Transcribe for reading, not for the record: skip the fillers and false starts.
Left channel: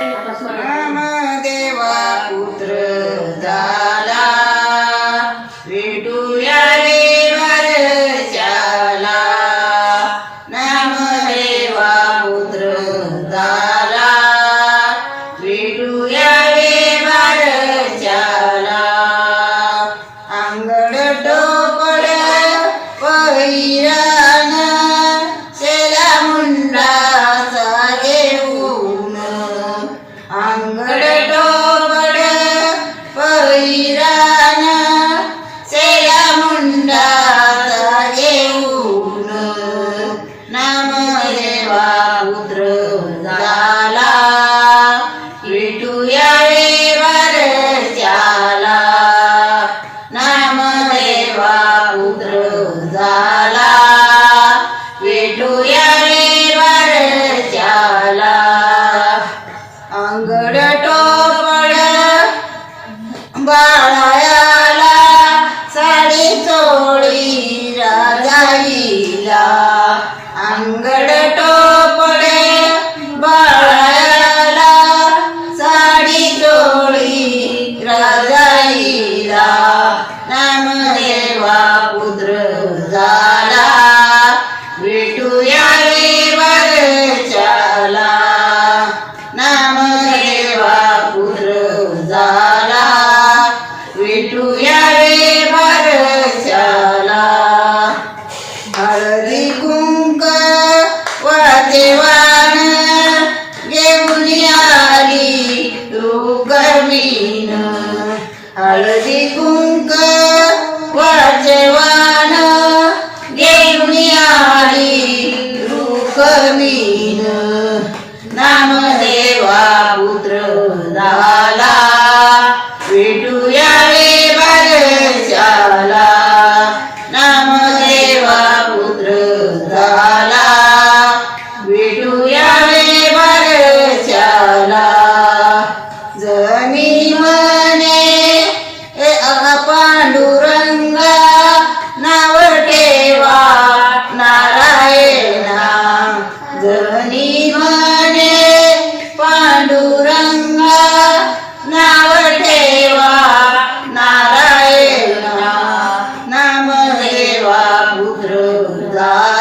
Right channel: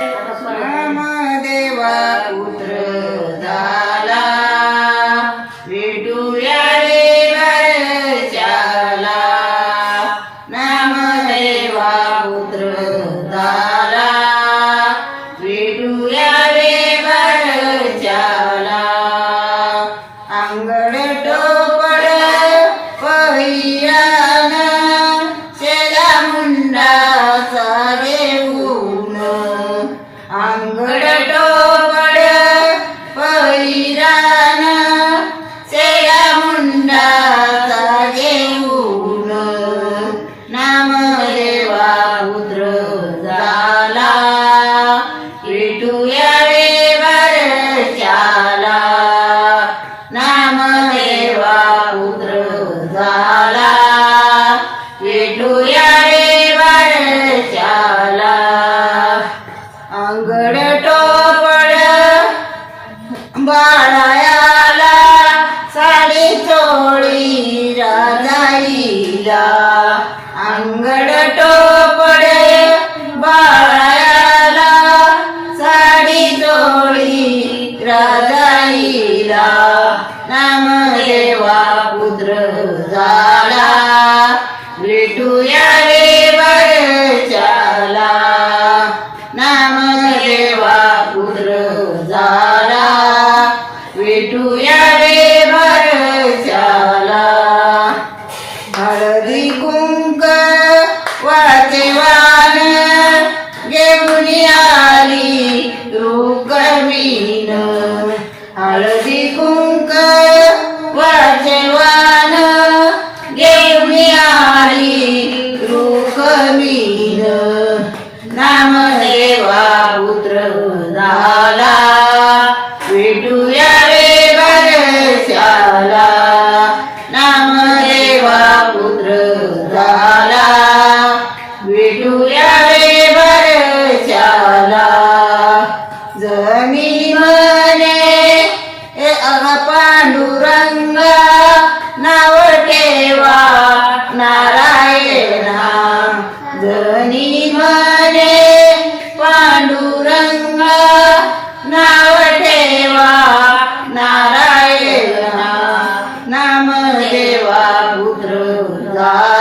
नामदेवा पुत्र झाला विठुया रे वरच्याला नामदेवा पुत्र झाला विठुया रे वरच्याला अंगड टोपड पहिरान शेला मुंडाचा घेऊन अंगड टोपड पहिरान शेला मुंडाचा घेऊन नामदेवा पुत्र झाला विठुया रे वरच्याला नामदेवा पुत्र झाला विठुया रे वरच्याला अंगड टोपड बाळायाला साडी चोळी राजाईला अंगड टोपड बाळायाला साडी चोळी राजाईला नामदेवा पुत्र झाला विठुया रे वरच्याला नामदेवा पुत्र झाला विठुया रे वरच्याला हळदी कुंक वाचेवान घेऊन आली रुक्मिण हळदी कुंक वाचेवान घेऊन आली रुक्मिण नामदेवा पुत्र झाला विठुया रे वरच्याला नामदेवा पुत्र झाला विठुया रे वरच्याला जनी म्हणे पांडुरंगा नाव ठेवा नारायणा जनी म्हणे पांडुरंगा नाव ठेवा नारायणा नामदेवा पुत्र झाला